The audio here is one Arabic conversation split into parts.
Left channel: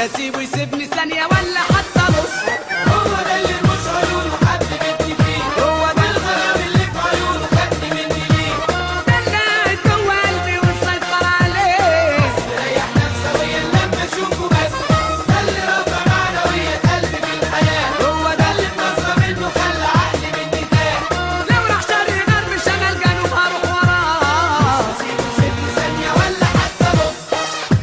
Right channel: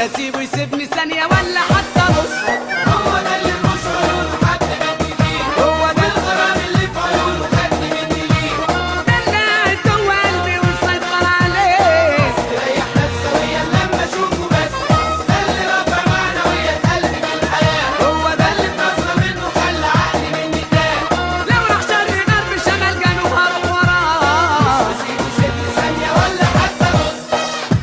اسيبه يسيبني ثانية ولا حتى نص. هو ده اللي مش عيونه حد جد فيه، هو ده الغرام اللي في عيونه خدني مني ليه. ده اللي قاعد جوه قلبي ومسيطر عليه. ريح نفسويا لما اشوفه بس، ده اللي رفع معنويا قلبي من الحياة. هو ده اللي اتنصر منه خلى عقلي مني تاه. لو راح شرق غرب شمال جنوب هروح وراه. اسيبه يسيبني ثانية ولا حتى نص.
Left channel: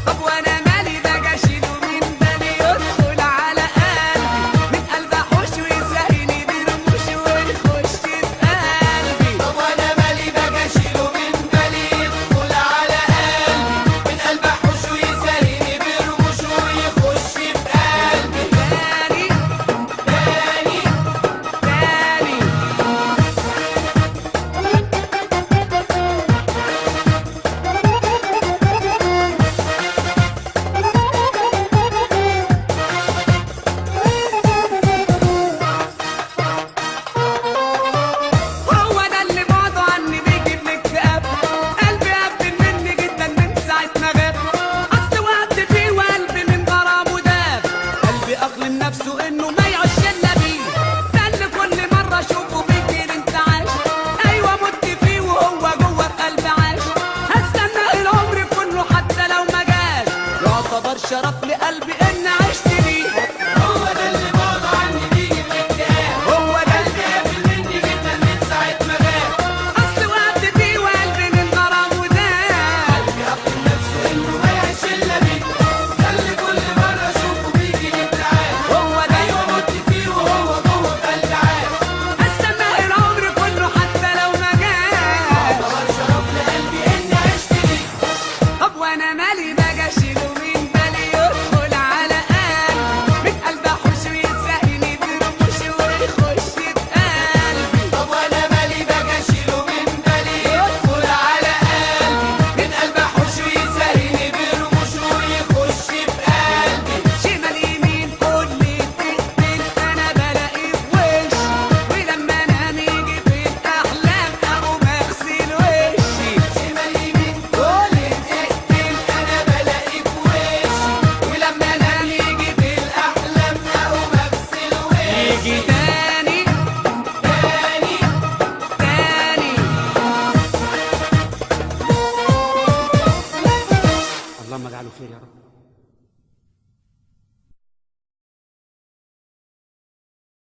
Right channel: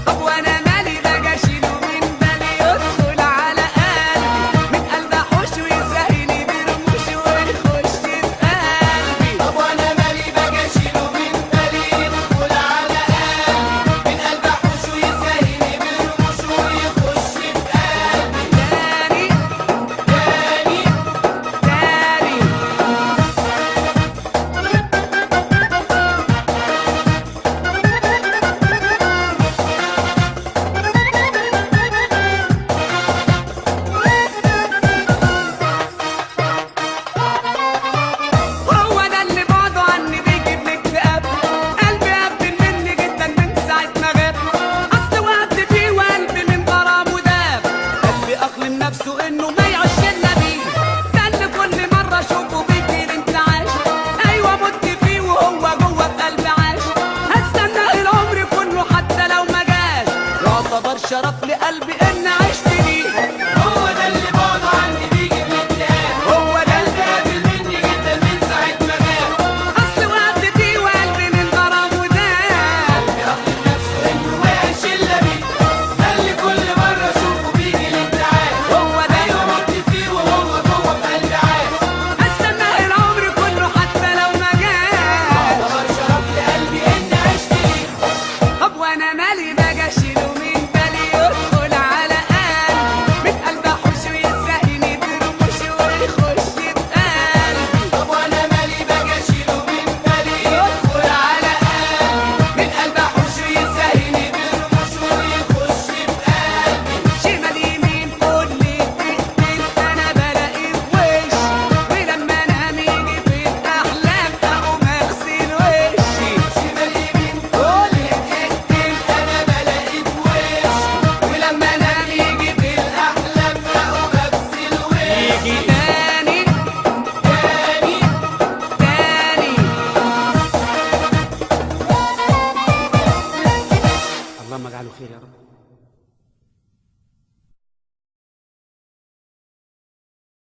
طب وانا مالي ده اشيله من بالي يدخل على قلبي، من قلب احوش ويسهلني برموش ويخش في قلبي. طب وانا مالي باجي اشيله من بالي يدخل على قلبي، من قلب احوش ويسهلني برموش ويخش في قلبي. تاني تاني هو ده اللي بعده عني بيجيب اكتئاب. قلبي قبل مني جدا من ساعة ما غاب، اصل وقت فيه وقلبي من غرامه داب. قلبي اقلم نفسه انه ما يعيش الا بيه، ده اللي كل مرة اشوفه بيجري انتعاش. ايوه مت فيه وهو جوه في قلبي عاش، هستنى العمر كله حتى لو ما جاش. يعتبر شرف لقلبي